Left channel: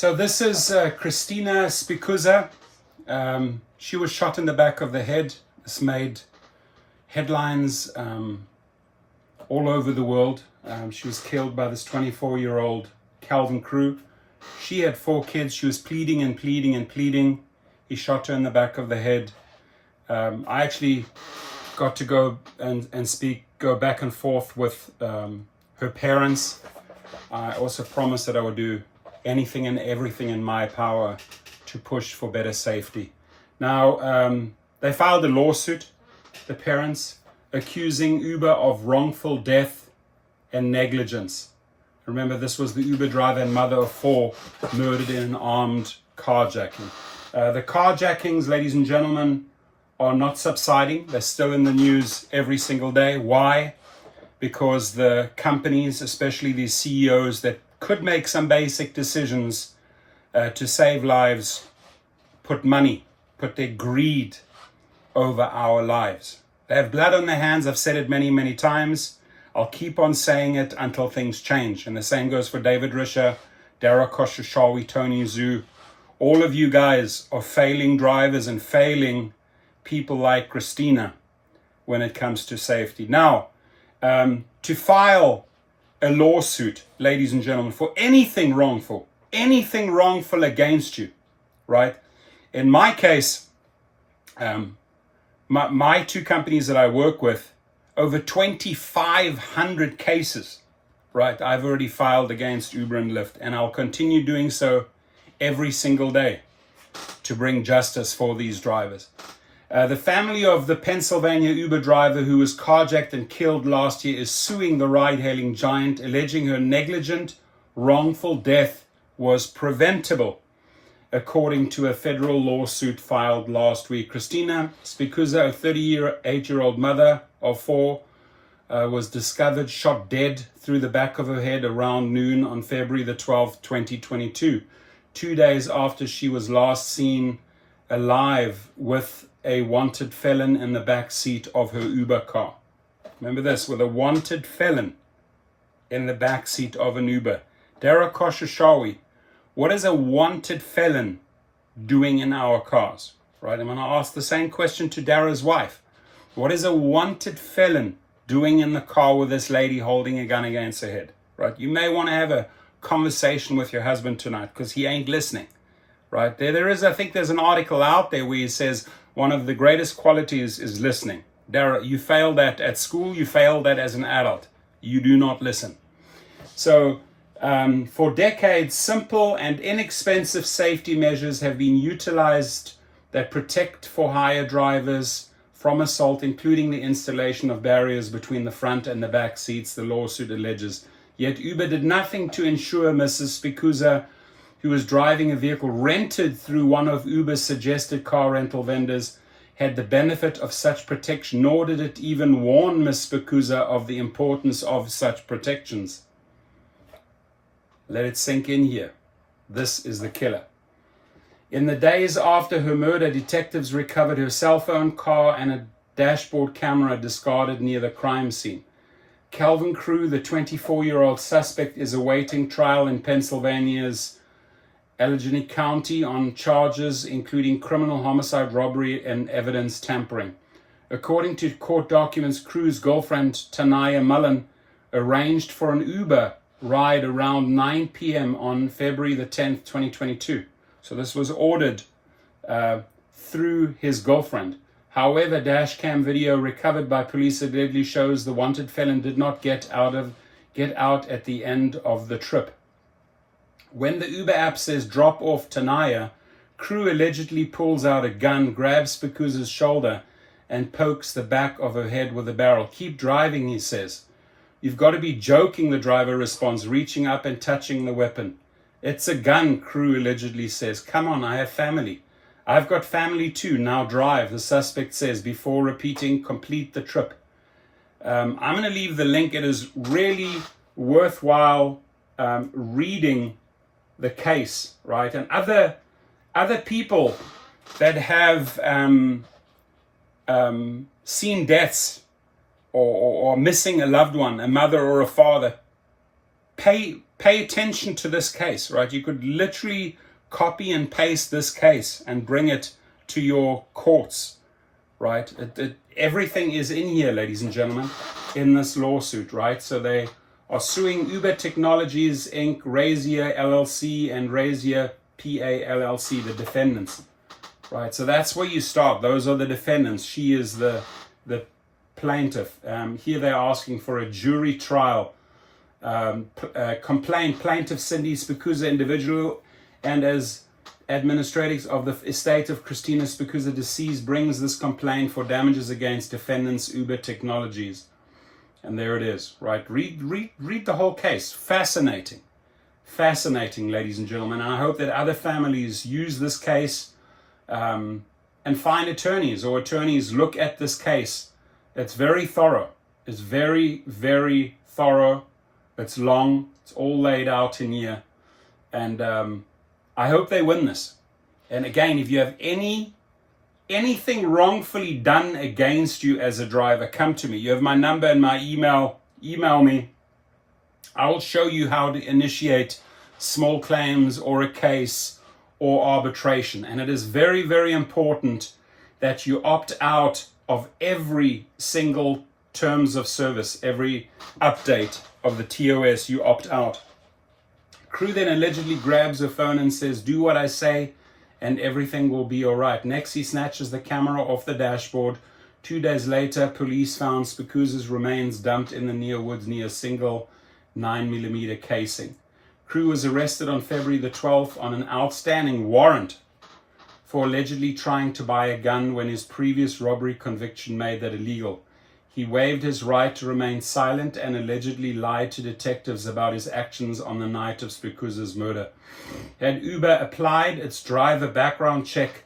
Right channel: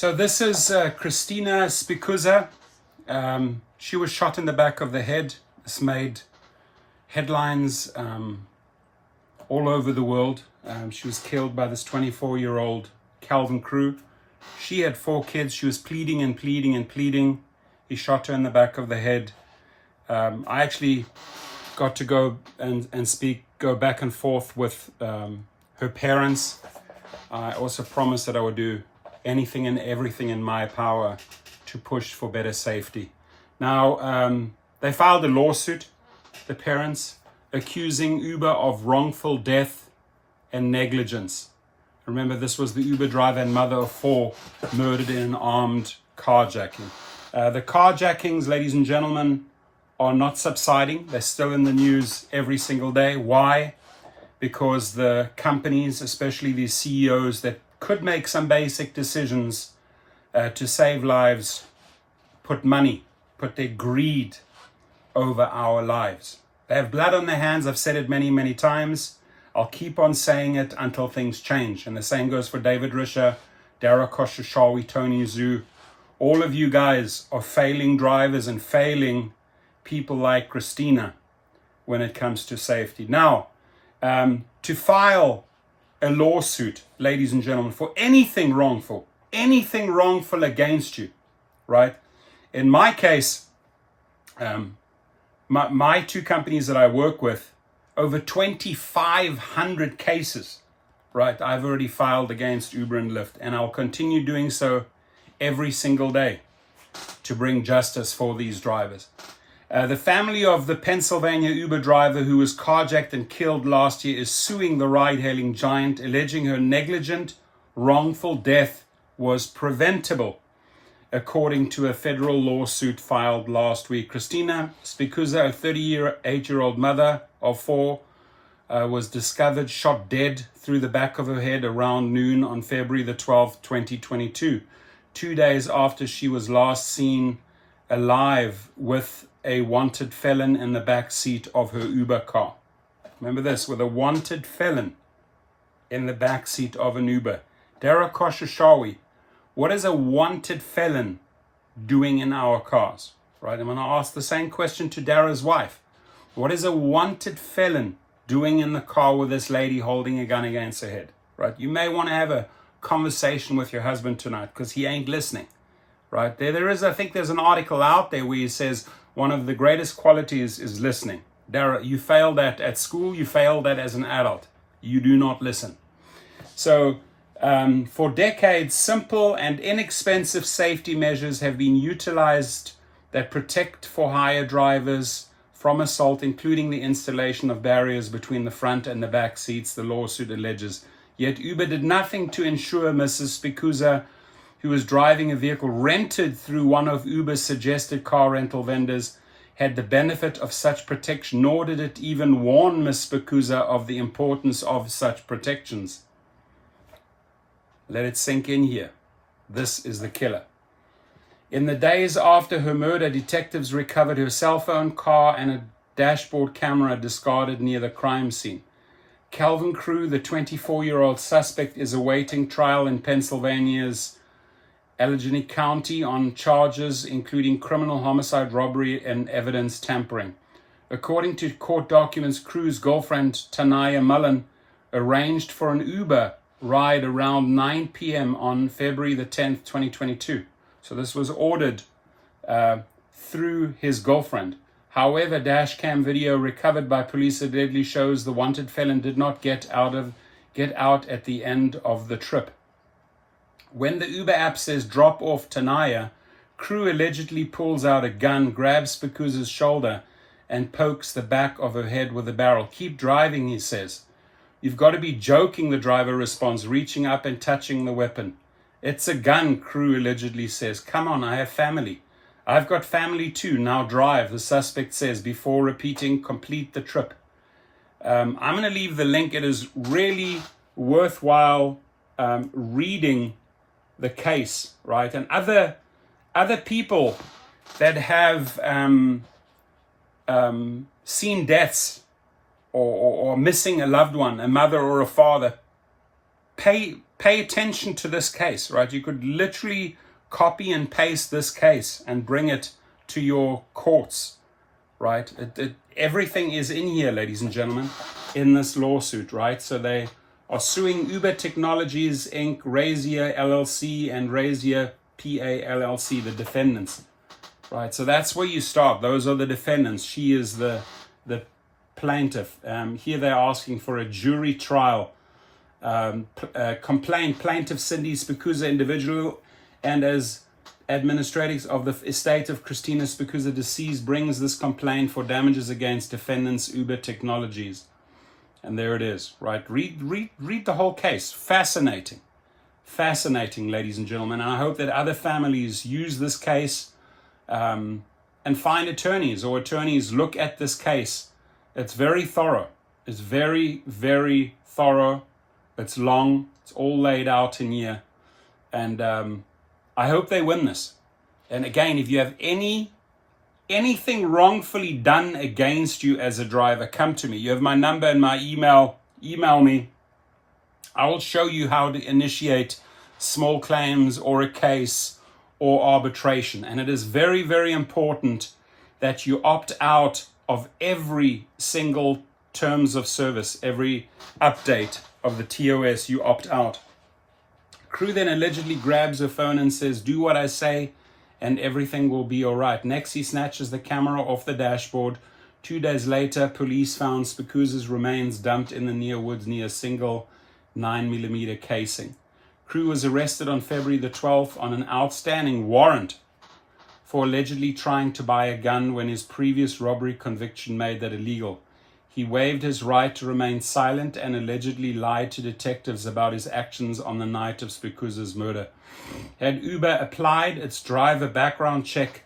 So this is Christina Spikuza. She was shot in the back of the head. This made headlines all over the world. She was killed by this 24-year-old Calvin Crew. She had 4 kids. She was pleading and pleading and pleading. He shot her in the back of the head. I actually got to go go back and forth with her parents. I also promised that I would do anything and everything in my power to push for better safety. Now, they filed a lawsuit, the parents, accusing Uber of wrongful death and negligence. Remember, this was the Uber driver and mother of 4 murdered in an armed carjacking. The carjackings, ladies and gentlemen, are not subsiding. They're still in the news every single day. Why? Because the companies, especially these CEOs that could make some basic decisions to save lives, put their greed over our lives. They have blood on their hands. I've said it many, many times. I'll keep on saying it until things change. And the same goes for David Risher, Dara Koshashawi, Tony Zhu. All of you guys are failing drivers and failing people like Christina when it comes to safety. Now, to file a lawsuit, ladies and gentlemen, for anything wrongful against you, right? In my case, my 2 companies that I work with, over 2,500 cases, right? I've already filed against Uber and Lyft, and I'll continue doing so every single day to bring justice for these drivers. The family of the Pennsylvania Uber driver who was carjacked and killed last year is suing the ride-hailing giant, alleging her negligent, wrongful death was preventable, according to a federal lawsuit filed last week. Christina Spikuza, a 38-year-old mother of 4, was discovered shot dead through the back of her head around noon on February the 12th, 2022, 2 days after she was last seen alive with a wanted felon in the back seat of her Uber car. Remember this, with a wanted felon in the back seat of an Uber. Dara Koshashawi, what is a wanted felon doing in our cars? Right? I'm going to ask the same question to Dara's wife. What is a wanted felon doing in the car with this lady holding a gun against her head? Right? You may want to have a conversation with your husband tonight because he ain't listening. Right? I think there's an article out there where he says one of the greatest qualities is listening. Dara, you failed that at school, you failed that as an adult. You do not listen. So for decades, simple and inexpensive safety measures have been utilized that protect for hire drivers from assault, including the installation of barriers between the front and the back seats, the lawsuit alleges. Yet Uber did nothing to ensure Mrs. Spikuza, who was driving a vehicle rented through one of Uber's suggested car rental vendors, had the benefit of such protection, nor did it even warn Ms. Spikuza of the importance of such protections. Let it sink in here. This is the killer. In the days after her murder, detectives recovered her cell phone, car, and a dashboard camera discarded near the crime scene. Calvin Crew, the 24-year-old suspect, is awaiting trial in Pennsylvania's Allegheny County on charges including criminal homicide, robbery, and evidence tampering. According to court documents, Crew's girlfriend, Tanaya Mullen, arranged for an Uber ride around 9 p.m. on February the 10th, 2022. So this was ordered through his girlfriend. However, dash cam video recovered by police allegedly shows the wanted felon did not get out at the end of the trip. When the Uber app says drop off Tanaya, Crew allegedly pulls out a gun, grabs Spikuza's shoulder, and pokes the back of her head with a barrel. Keep driving, he says. You've got to be joking, the driver responds, reaching up and touching the weapon. It's a gun, Crew allegedly says. Come on, I have family. I've got family too, now drive, the suspect says, before repeating, complete the trip. I'm going to leave the link. It is really worthwhile reading the case, right? And other people that have seen deaths or missing a loved one, a mother or a father, pay pay attention to this case, right? You could literally copy and paste this case and bring it to your courts, right? Everything is in here, ladies and gentlemen, in this lawsuit, right? So they are suing Uber Technologies Inc., Razier LLC, and Razier PA LLC, the defendants, right? So that's where you start. Those are the defendants. She is the plaintiff. Here they're asking for a jury trial. Plaintiff Cindy Spikuza, individual, and as administrators of the estate of Christina Spikuza, deceased, brings this complaint for damages against defendants Uber Technologies. And there it is, right? Read the whole case. Fascinating, ladies and gentlemen. And I hope that other families use this case and find attorneys, or attorneys look at this case. It's very thorough. It's very, very thorough. It's long. It's all laid out in here. And I hope they win this. And again, if you have anything wrongfully done against you as a driver, come to me. You have my number and my email. Email me. I will show you how to initiate small claims or a case or arbitration. And it is very, very important that you opt out of every single terms of service, every update of the TOS, you opt out. Crew then allegedly grabs her phone and says, "Do what I say and everything will be all right." Next, he snatches the camera off the dashboard. 2 days later, police found Spikuza's remains dumped in the near woods near a single 9mm casing. Crew was arrested on February the 12th on an outstanding warrant for allegedly trying to buy a gun when his previous robbery conviction made that illegal. He waived his right to remain silent and allegedly lied to detectives about his actions on the night of Spikuza's murder. Had Uber applied its driver background check,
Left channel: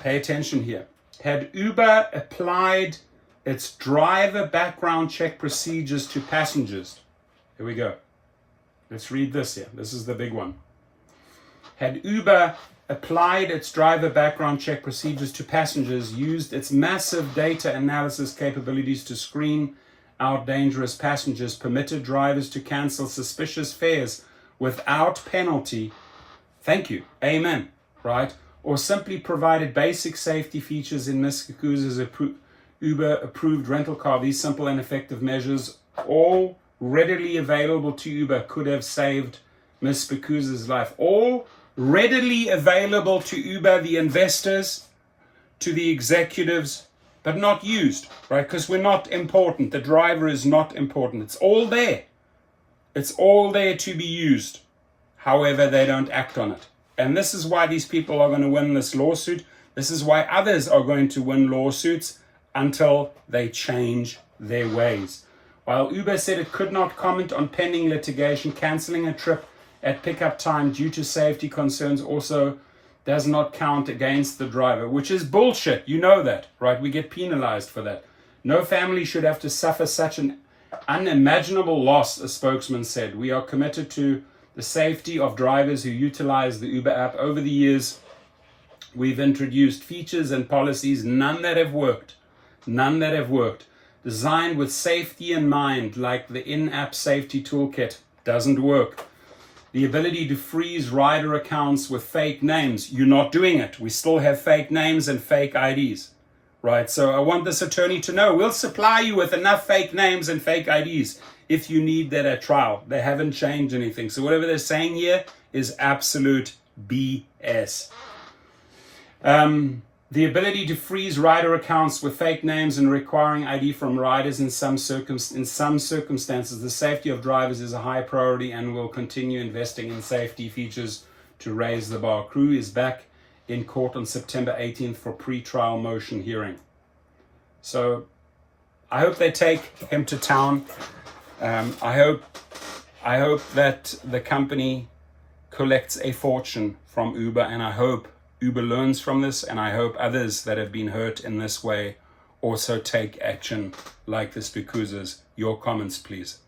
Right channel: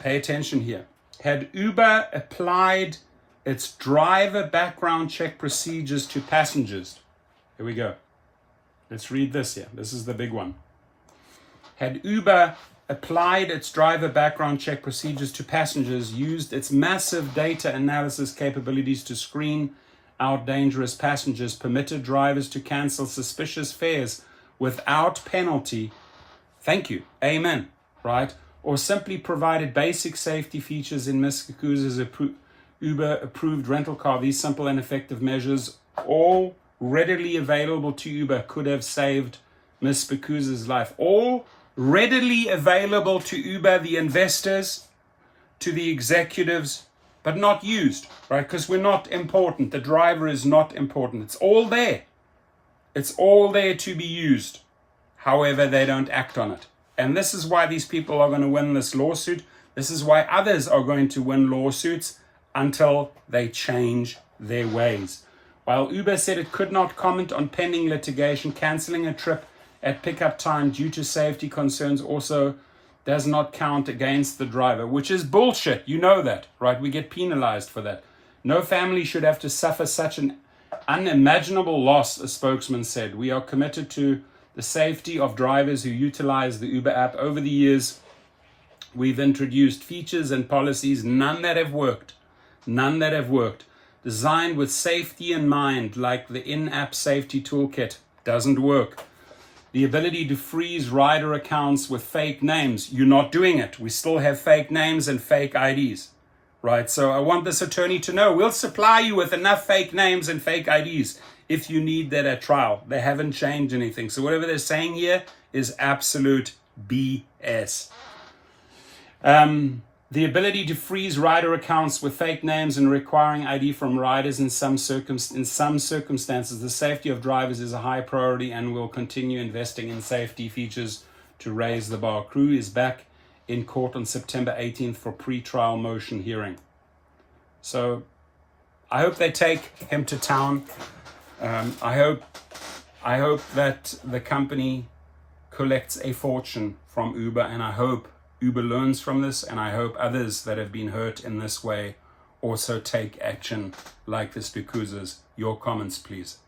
pay attention here, had Uber applied its driver background check procedures to passengers, here we go. Let's read this here. This is the big one. Had Uber applied its driver background check procedures to passengers, used its massive data analysis capabilities to screen out dangerous passengers, permitted drivers to cancel suspicious fares without penalty, thank you, amen, right? Or simply provided basic safety features in Ms. Spikuza's Uber-approved rental car, these simple and effective measures, all readily available to Uber, could have saved Ms. Spikuza's life. All readily available to Uber, the investors, to the executives, but not used, right? Because we're not important. The driver is not important. It's all there. It's all there to be used. However, they don't act on it. And this is why these people are going to win this lawsuit. This is why others are going to win lawsuits until they change their ways. While Uber said it could not comment on pending litigation, canceling a trip at pickup time due to safety concerns also does not count against the driver, which is bullshit. You know that, right? We get penalized for that. No family should have to suffer such an unimaginable loss, a spokesman said. We are committed to the safety of drivers who utilize the Uber app. Over the years, we've introduced features and policies, none that have worked, designed with safety in mind, like the in-app safety toolkit. Doesn't work. The ability to freeze rider accounts with fake names. You're not doing it. We still have fake names and fake IDs, right? So I want this attorney to know, we'll supply you with enough fake names and fake IDs if you need that at trial. They haven't changed anything. So whatever they're saying here is absolute BS. The ability to freeze rider accounts with fake names and requiring ID from riders in some circumstances. The safety of drivers is a high priority and will continue investing in safety features to raise the bar. Crew is back in court on September 18th for pre-trial motion hearing. So I hope they take him to town. I hope that the company collects a fortune from Uber, and I hope Uber learns from this, and I hope others that have been hurt in this way also take action like the Spikuzas. Your comments, please.